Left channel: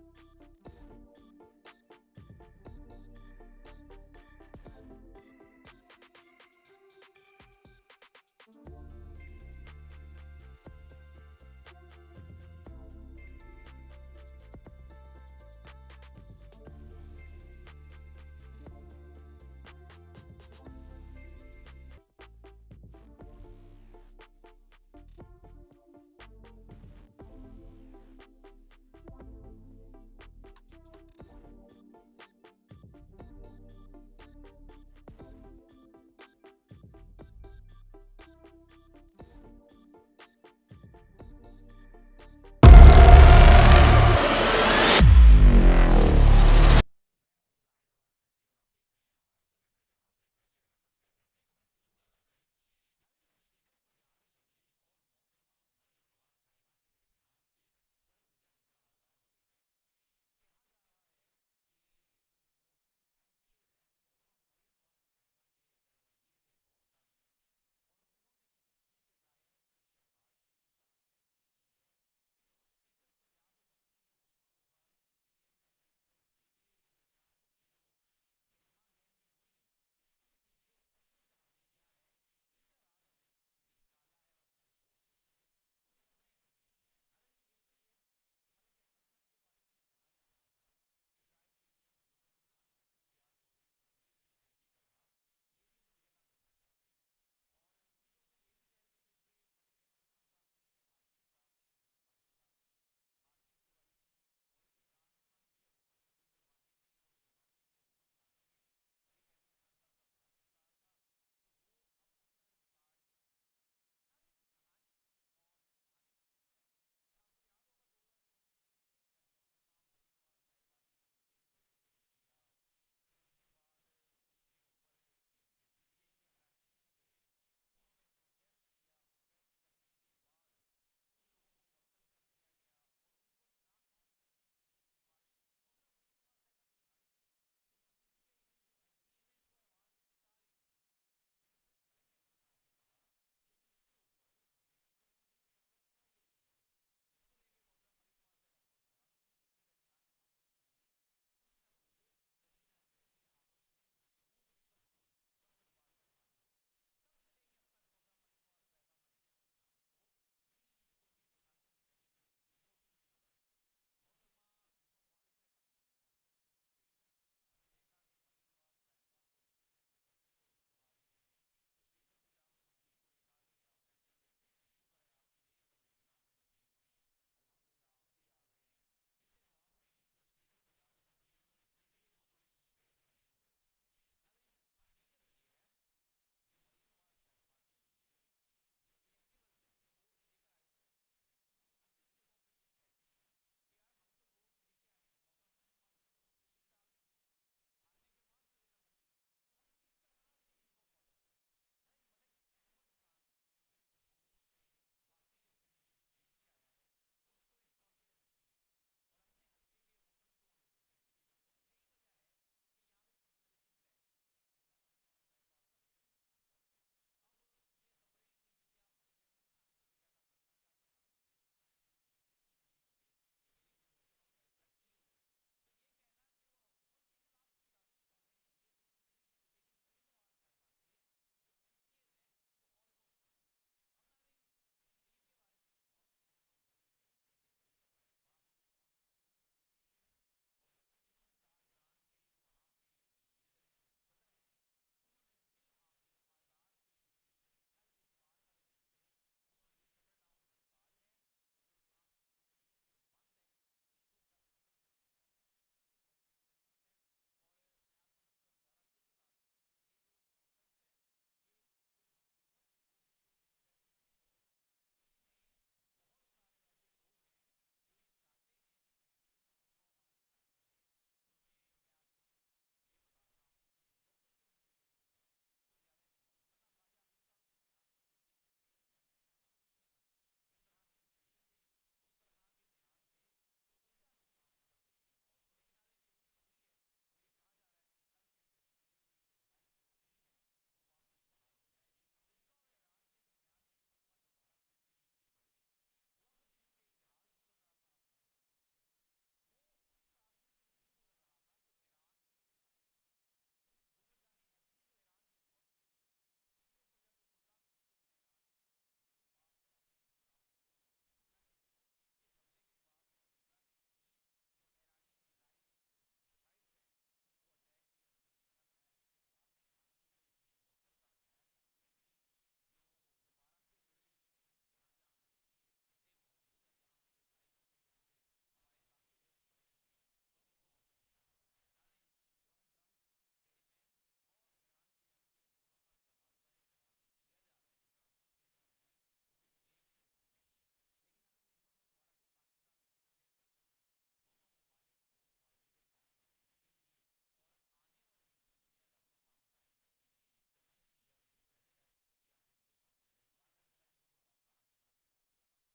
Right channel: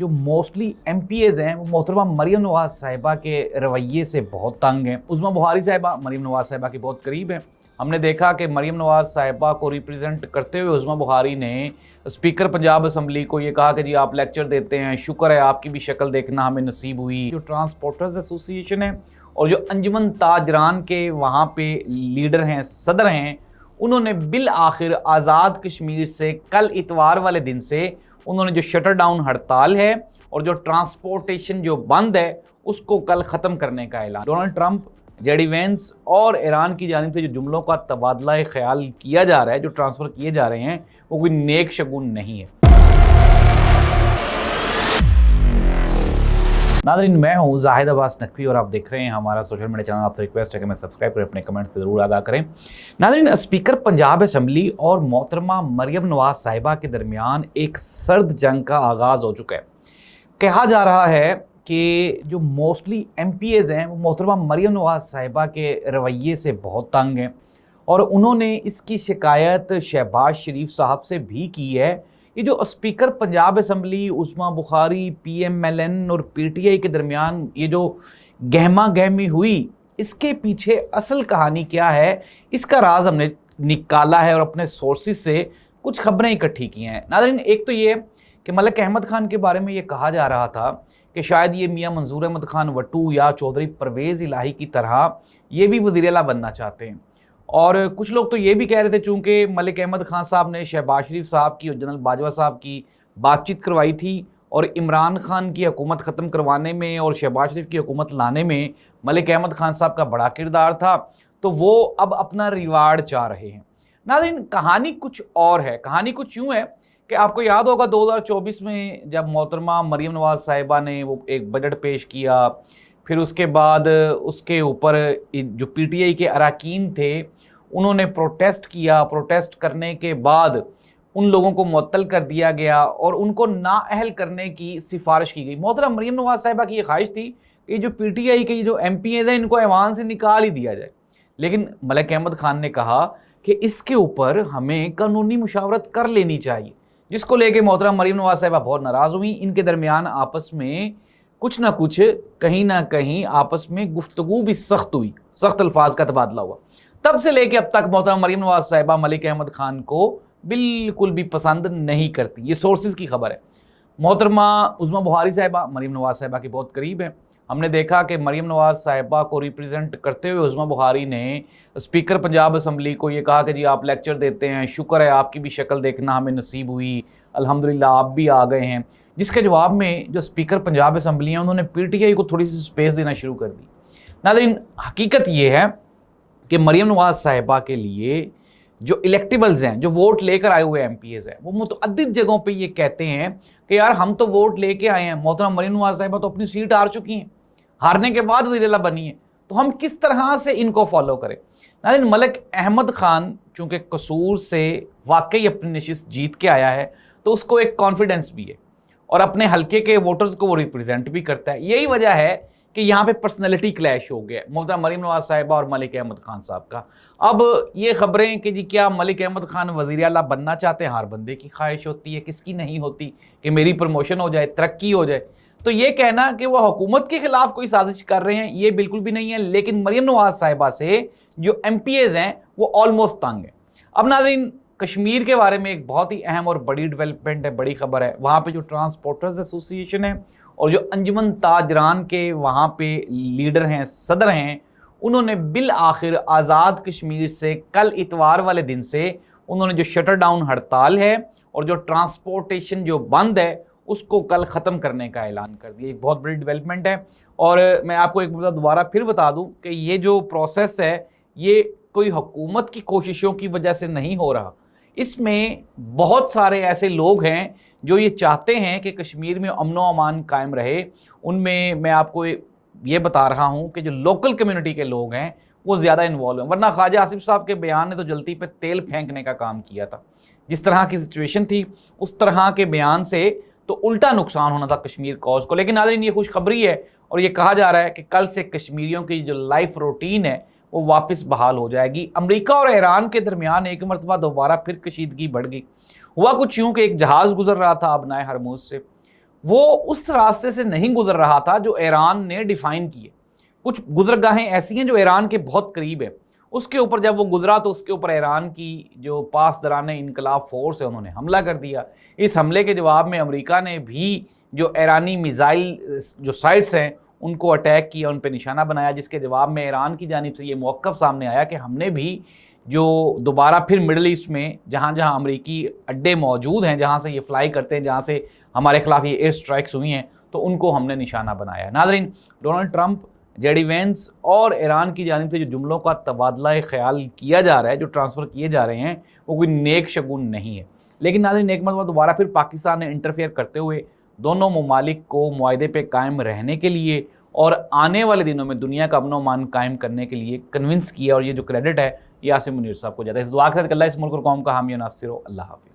जो mostly MPAs हैं वो मोहतरमा मरीम नवाज साहिबा के रवैये से बहुत तंग हैं। उज़्मा बुखारी साहिबा मरीम नवाज साहिबा के बहुत करीब हैं। हमने देखा कि मरीम नवाज साहिबा को रिप्रेजेंट करते हुए उज़्मा बुखारी ने स्पीकर पंजाब असम्बली को ये कहा कि जी आप लेक्चर देते हैं, शुक्र है आपकी भी शक्ल देखना हमें नसीब हुई। जो ट्रांसपोर्टर्स एसोसिएशन है और जो अंजुमन ताजरान के वहाँ पे लीडर हैं, सदर हैं, उन्होंने बिल आखिर आज़ाद कश्मीर से कल इतवार वाले दिन से उन्होंने जो शटर डाउन हड़ताल है और जो ट्रांसपोर्टेशन जो बंद है उसको कल ख़त्म करने का ऐलान। डोनाल्ड ट्रंप, जेडी वेंस और ईरान की जानिब से जो जुमलों का तबादला ख्याल किया जा रहा है, जो ट्रांसफ़र किए जा रहे हैं, वो कोई नेक शगुन नहीं है। नाज़रीन, मैं हूँ जाहिद अब्बास नकवी और आप देख रहे हैं हमारा सोशल मीडिया चैनल। आपसे रिक्वेस्ट है कि मैं सब्सक्राइब करें, अपने कमेंट्स ज़रूर आगाह करें। नाज़रीन, स्पीकर पंजाब असम्बली और मोहतरमा मरीम नवाज साहिबा के दरमियान एक सर्द जंग का आगाज़ हो चुका है। कहा जा रहा है कि जो मोस्टली MPAs हैं वो मोहतरमा मरीम नवाज साहिबा के रवैये से बहुत तंग हैं और उन्होंने इसकी शिकायत शहबाज शरीफ साहब से भी की है। ये जो speaker Punjab assembly, Uzma Bukhari, PMLN और PTI के दरमियान ये जो गहमा गहमी हुई, इसके पीछे असल कहानी क्या है, इसका राज हमने निकाला है और अपने सोर्सेज से कुछ खबरें इकट्ठी की हैं। नाज़रीन, एक तो ये कि मलिक अहमद खान के बारे में ये कहा जा रहा था कि शायद ये मियां मंजूर अहमद खान वट्टू या चौधरी परवेज़ इलाही की तरह ये भी वज़ीर आला बनना चाहते हैं। और कुछ लोग तो ये भी कह रहे थे चूँकि मलिक अहमद खान साहब ने शहबाज शरीफ साहब की और जनरल बाजवा साहब की बातचीत करवाई थी और इमरान खान की हुकूमत ख़त्म करवाने में और शहबाज शरीफ की हुकूमत लाने में मलिक अहमद खान साहब का बड़ा किरदार था, तो वो अब अपना रिवार्ड चाह रहे हैं। नाज़रीन, कहानी कुछ और है। कहानी कुछ यूँ है कि आपको याद होगा 2024 में जब मोहतरमा मरीम नवाज साहिबा ने वो एक बजट पेश किया, फिर उसके बाद उसके ऊपर जो PTI के अरकान थे उन्होंने प्रोटेस्ट किया। प्रोटेस्ट करने के बाद उन लोगों को मुअत्तल कर दिया गया और उनको नाअहल करने की सिफारिश की गई। मोहतरमा मरीम नवाज साहिबा की ये ख्वाहिश थी कि जो PTI के जो MPAs हैं इनको ऐवान से निकाल ही दिया जाए, लेकिन मलिक अहमद खान ने कहा कि इसके ऊपर हमें कानूनी मुशावरत कर लेनी चाहिए, जिसको लेके मोहतरमा मरीम नवाज साहिबा बहुत नाराज़ हुई। इनके दरमियान आपस में कुछ ना कुछ कहीं ना कहीं आपस में गुफ्तगू भी सख्त हुई, सख्त अल्फाज का तबादला हुआ। तब से लेके अब तक मोहतरमा मरीम नवाज साहिबा मलिक अहमद खान को बिल्कुल भी पसंद नहीं करती। ये सोर्सेज की खबर है। मोहतरमा उज़्मा बुखारी साहिबा मरीम नवाज साहिबा के बहुत करीब हैं। हमने देखा कि मरीम नवाज साहिबा को रिप्रेजेंट करते हुए उज़्मा बुखारी ने स्पीकर पंजाब असम्बली को ये कहा कि जी आप लेक्चर देते हैं, शुक्र है आपकी भी शक्ल देखना हमें नसीब हुई, अल्हम्दुलिल्लाह आप भी आ गए हैं। जिसके जवाब में जो स्पीकर पंजाब असम्बली हैं उन्होंने PTI को थोड़ी सी स्पेस देना शुरू कर दी। नाज़रीन, हकीकत ये है कि मरीम नवाज साहिबा के लिए जो इलेक्टेबल्स हैं, जो वोट लेकर आए हुए MPAs हैं, वो मुतअद्दिद जगहों पे ये कहते हैं कि यार हम तो वोट लेके आए हैं, मोहतरमा मरीम नवाज साहिबा तो अपनी सीट हार चुकी हैं, हारने के बाद वज़ीर आला बनी है, तो हम किस तरह से इनको फॉलो करें। नाज़रीन, मलिक अहमद खान चूँकि कसूर से वाकई अपनी नशिस्त जीत के आया है तो उसको एक कॉन्फिडेंस भी है और अपने हल्के के वोटर्स को वो रिप्रेजेंट भी करता है। यही वजह है कि यहाँ पे पर्सनैलिटी क्लैश हो गया मोहतरमा मरीम नवाज साहिबा और मलिक अहमद खान साहब का। अब ये खबरें कि जी क्या मलिक अहमद खान वज़ीर आला बनना चाहते हैं, हर बंदे की ख्वाहिश होती है, किसकी नहीं होती कि मेरी प्रमोशन हो जाए, तरक्की हो जाए। तो ये कहना कि वो हुकूमत के खिलाफ कोई साजिश कर रहे हैं, ये बिल्कुल भी नहीं है। लेकिन मरीम नवाज साहिबा से जो MPAs हैं वो ऑलमोस्ट तंग है। अब नाज़रीन, कश्मीर के बारे में एक बहुत ही अहम और बड़ी डेवलपमेंट है, बड़ी खबर है। वहाँ पे जो ट्रांसपोर्टर्स एसोसिएशन है और जो अंजुमन ताजरान के वहाँ पे लीडर हैं, सदर हैं, उन्होंने बिल आखिर आज़ाद कश्मीर से कल इतवार वाले दिन से उन्होंने जो शटर डाउन हड़ताल है और जो ट्रांसपोर्टेशन जो बंद है उसको कल ख़त्म करने का ऐलान कर दिया। एक बहुत बड़ी डेवलपमेंट है और मैं आपको एक बार दोबारा फिर बता दूं कि ये जो प्रोसेस है ये कोई हुकूमत की कोशिशों की वजह से नहीं हो रहा। इसमें बहुत सारे ऐसे लोग हैं जो ये चाहते हैं कि कश्मीर में अमन व अमान कायम रहे। उनमें मैं आपको ये बता रहा हूँ कि जो लोकल कम्युनिटी के लोग हैं वो ज़्यादा इन्वॉल्व हैं, वरना ख्वाजा आसिफ साहब के बयान ने तो जलती पे तेल फेंकने का काम किया था। जिस तरह की सिचुएशन थी उस तरह के बयान से तो उल्टा नुकसान होना था कश्मीर कॉज को। लेकिन नाज़रीन, ये खुशखबरी है और ये कहा जा रहा है कि कल से कश्मीरियों की जो लाइफ रूटीन है वो वापस बहाल हो जाएगी। अमेरिका और ईरान के दरमियान एक मरतबा दोबारा फिर कशीदगी बढ़ गई। हुआ कुछ यूँ कि एक जहाज़ गुजर रहा था अबनाए हरमूज से, وہ اس راستے سے نہیں گزر رہا تھا جو ایران نے ڈیفائن کیے. کچھ گزرگاہیں ایسی ہیں جو ایران کے بہت قریب ہے، اس کے اوپر جب وہ گزرا تو اس کے اوپر ایران کی جو پاسداران انقلاب فورس ہے انہوں نے حملہ کر دیا. اس حملے کے جواب میں امریکہ نے بھی جو ایرانی میزائل جو سائٹس ہیں ان کو اٹیک کیا، ان پہ نشانہ بنایا، جس کے جواب میں ایران کی جانب سے یہ موقف سامنے آیا کہ ہم نے بھی جو دوبارہ پھر مڈل ایسٹ میں جہاں جہاں امریکی اڈے موجود ہیں، جہاں سے یہ فلائی کرتے ہیں، جہاں سے ہمارے خلاف یہ ایئر سٹرائکس ہوئی ہیں، تو ان کو ہم نے نشانہ بنایا. ناظرین، Donald Trump, J D Vance اور ایران کی جانب سے جو جملوں کا تبادلہ خیال کیا جا رہا ہے، جو ٹرانسفر کیے جا رہے ہیں، وہ کوئی نیک شگون نہیں ہے. لیکن ناظرین، ایک مرتبہ دوبارہ پھر پاکستان نے انٹرفیئر کرتے ہوئے دونوں ممالک کو معاہدے پہ قائم رہنے کے لیے اور آنے والے دنوں میں دنیا کا امن و امان قائم کرنے کے لیے کنونس کیا، اور یہ جو کریڈٹ ہے یہ عاصم منیر صاحب کو جاتا ہے. اس دعا کے ساتھ کہ اللہ اس ملک اور قوم کا حامی و ناصر ہو. اللہ حافظ.